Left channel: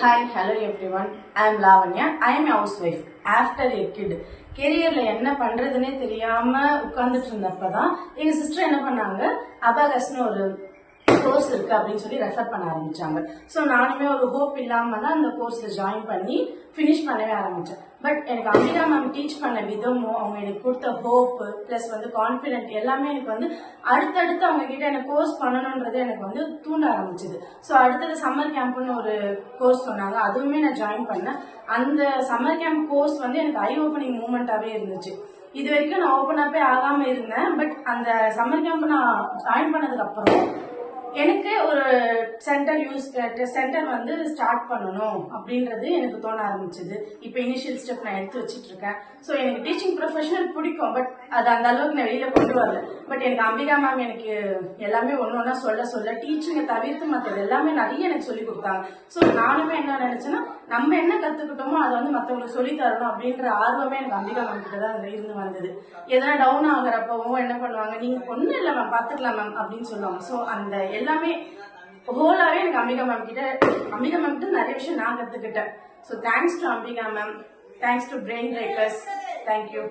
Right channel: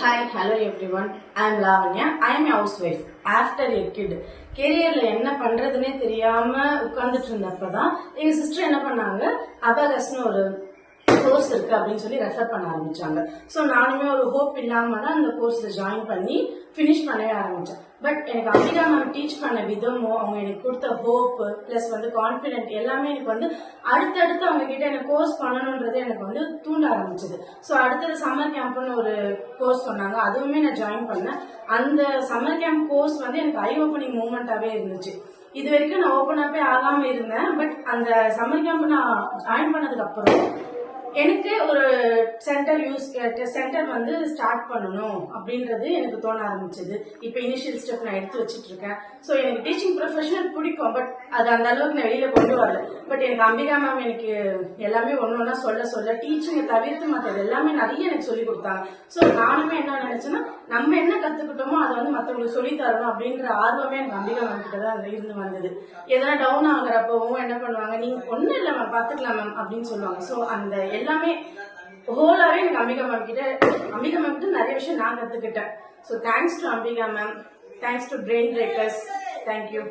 Hi, hello everyone. I am Lavanya. I am a housewife. After a kid. கேரியர்ல என்ன பண்றதுன்னே தெரியாம உட்கார்ந்துட்டு இருந்தப்பதான் எங்க சிஸ்டர் என்ன பண்ணாங்க, அபாகஸ்னு ஒரு கோர்ஸ் இருக்கு அப்படின்னு சொல்லி ரெஃபர் பண்ண ஆரம்பிச்சாங்க. ஸோ நானுமே ஒரு ஹோப் இல்லாம தான் அந்த கோர்ஸ்ல ஜாயின் பண்ணி ஃபினிஷ் பண்ணவே ஆரம்பிச்சேன். பட் எனக்கு அம்பிகா மேம் டீச் பண்ண விதமும் அவங்க எனக்கு கொடுத்த ஹோப் பிளஸ் கான்ஃபிடென்ட் எல்லாமே எனக்கு அடுத்தடுத்து அவங்க கிட்ட எனக்கு கோர்ஸ் பண்ணணுன்றது எனக்கு தூண்ட ஆரம்பிச்சது. ஸோ அடுத்தது சம்மர் கேம்ப்னு ஒரு கோர்ஸ் சொன்னாங்க, அதுவுமே நான் ஜாயின் பண்ணேன். அந்த சம்மர் கேம்ப் கோர்ஸ் எனக்கு ஐ ஓப்பனிங் மூமெண்டாவே இருந்துச்சு. இது வரைக்கும் நான் ஓப்பன் அப்பே ஆகாம இருந்தேன். பட் அந்த சம்மர் கேம்ப் நான் ஜாயின் பண்ணதுக்கு அப்புறம் எனக்கு ஒரு சென்டர் ஸ்டார்ட் பண்ணணும் அப்படின்றது எனக்கு தோண ஆரம்பிச்சது. இப்போ இனிஷியல் ஸ்டெப் நான் எடுத்து வச்சுட்டு இருக்கேன். ஸோ எனக்கு டீச்சிங் ப்ரொஃபஷனல் பிடிக்கும், பட் அது அந்த அளவுக்கு நான் வெளியில கொண்டு வரல. பட் எனக்கு அம்பிகா மேம் எனக்கு எல்லாமே ஒன்னொன்னா சொல்ல டீச்சிங்கை தவிர்த்து மற்றது எல்லாமே நிறைய எனக்கு சொல்லி கொடுத்தாங்க. ஸோ நானுமே என்ன நினைச்சேன்னா, நம்ம என்ன கத்துக்கிட்டோமோ அதை மற்றவங்களுக்கு சொல்லி தரணும் அப்படின்ற ஆர்வமே எனக்கு அம்பிகா மேம் கிட்ட தான் இருந்து வந்தது. எதனா டவுன் ஆகுறப்பவும் என்ன பண்ணுவாங்க, நீங்க ஒன்னும் இல்லை மேம் பாத்துக்கலாம் மேம் அப்படின்னு சொல்லுவாங்க. ஸோ அந்த எல்லாமே ஹோலாவே எனக்கு அம்பிகா மேம் கிட்ட நிறைய விஷயம் நான் கத்துக்கிட்டேன். So thanks to Ambika ma'am, thanks to brain breakers, thank you.